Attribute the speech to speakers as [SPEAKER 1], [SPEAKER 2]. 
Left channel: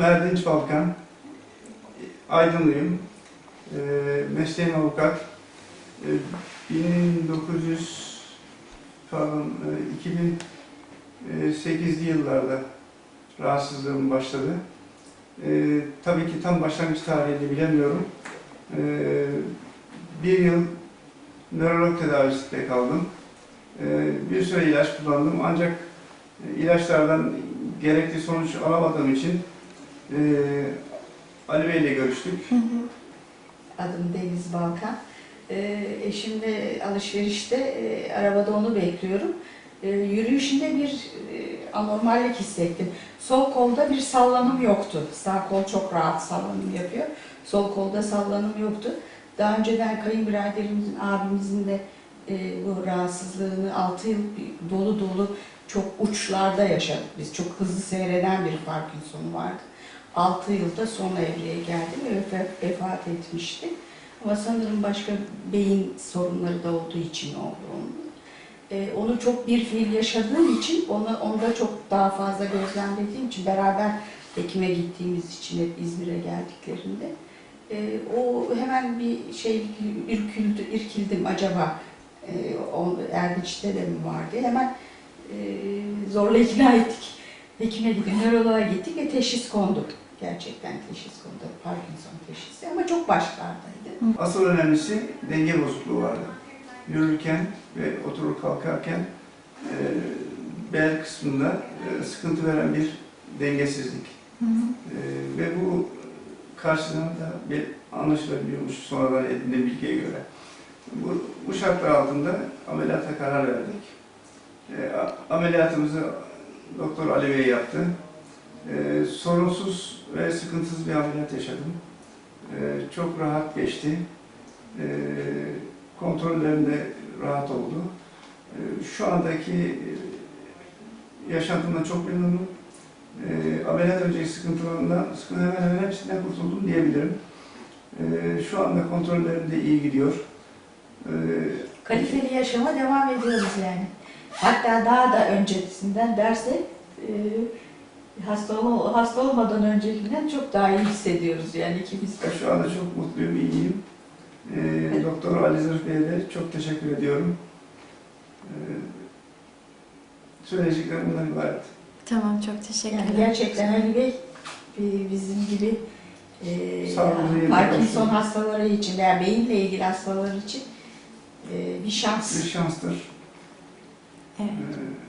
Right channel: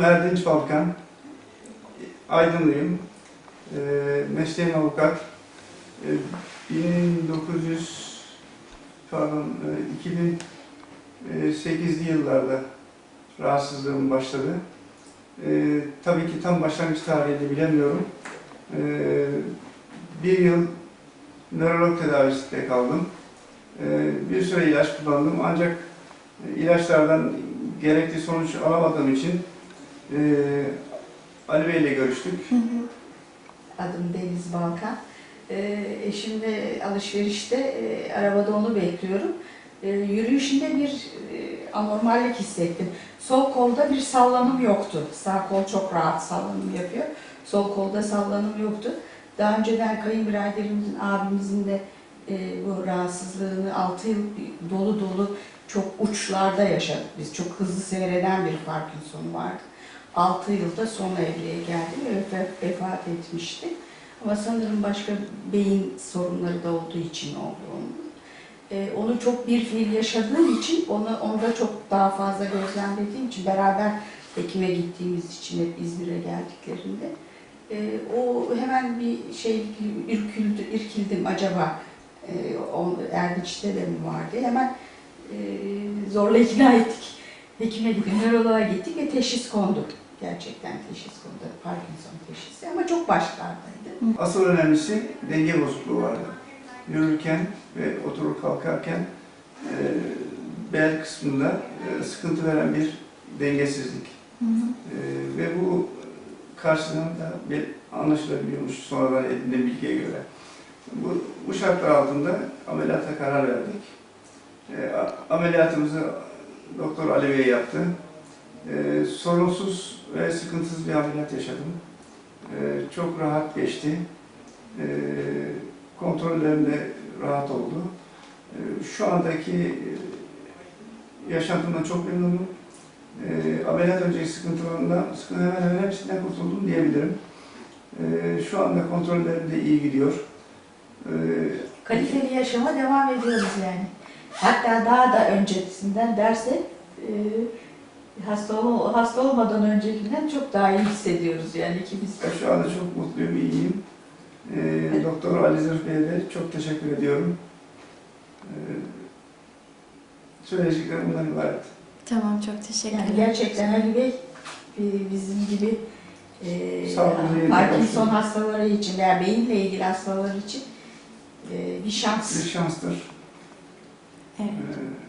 [SPEAKER 1] Erdinç Balkan, Aydınlıyım, e, mesleğim avukat. E, 1900, pardon, e, 2008'li yıllarda rahatsızlığım başladı. E, tabii ki tam başlangıç tarihini bilemiyorum. E, bir yıl nörolog tedavisinde kaldım. E, bir süre ilaç kullandım ancak e, ilaçlardan gerekli sonuç alamadığım için e, Ali Bey ile görüştük.
[SPEAKER 2] Adım Deniz Balkan. Ee, eşimle alışverişte e, arabada onu bekliyorum. Ee, yürüyüşünde bir e, anormallik hissettim. Sol kolda bir sallanım yoktu. Sağ kol çok rahat sallanım yapıyor. Sol kolda sallanım yoktu. Daha önceden kayınbiraderimizin, abimizin de e, bu rahatsızlığını 6 yıl dolu dolu çok uçlarda yaşadık. Biz çok hızlı seyreden bir Parkinson vardı. 6 yılda son evreye geldi ve vefa- vefat etmişti. Ama sanırım başka beyin sorunları da olduğu için oldu onun. Ee, onu çok bir fiil yaşadığım için, onu onda çok daha fazla gözlemlediğim için, beraber hekime gittiğimiz için hep İzmir'e geldiklerinde e, o hemen bir şey ürküldü, irkildim acaba e, o, Erdinç'te de mi var diye hemen e, zorla ikna ettik. Hekime gittik, nöroloğa gittik ve teşhis kondu. Gerçekten teşhis kondu. Parkinson teşhisi ama çok başlardaydı.
[SPEAKER 1] Asıl önemlisi denge bozukluğu vardı. Yürürken ve oturup kalkarken e, bel kısmında e, sıkıntı veren bir dengesizlik. E, ve bu karşılığında bir anlaşılabiliyormuş sonradan edindiğim bilgiye göre. Bu, bu şartlar altında ameliyata karar verdik. E, ameliyatımızı Doktor Ali Bey yaptı. E, sorunsuz ve sıkıntısız bir ameliyat yaşadım. E, çok rahat geçti. E, kontrollerimde rahat oldu. E, şu andaki e, yaşantımdan çok memnunum. E, ameliyat önceki sıkıntılarından, sıkıntı hemen hemen hepsinden kurtuldum diyebilirim. E, şu anda kontrollerim de iyi gidiyor. E,
[SPEAKER 2] Kaliteli yaşama devam ediyoruz yani. Hatta daha da öncesinden dersek e, hasta, ol- hasta olmadan öncekinden çok daha iyi hissediyoruz yani ikimiz de.
[SPEAKER 1] Ben şu anda çok mutluyum, iyiyim. Ee, Doktor Ali Zırh Bey'e de çok teşekkür ediyorum. Ee, söyleyeceklerim bundan ibaret.
[SPEAKER 3] Tamam çok teşekkürler.
[SPEAKER 2] Yani gerçekten Ali Bey bi- bizim gibi e, Parkinson hastaları için veya beyinle ilgili hastalar için e, bir
[SPEAKER 1] Bir
[SPEAKER 2] şans.
[SPEAKER 1] şanstır.
[SPEAKER 3] Evet.
[SPEAKER 1] Ee,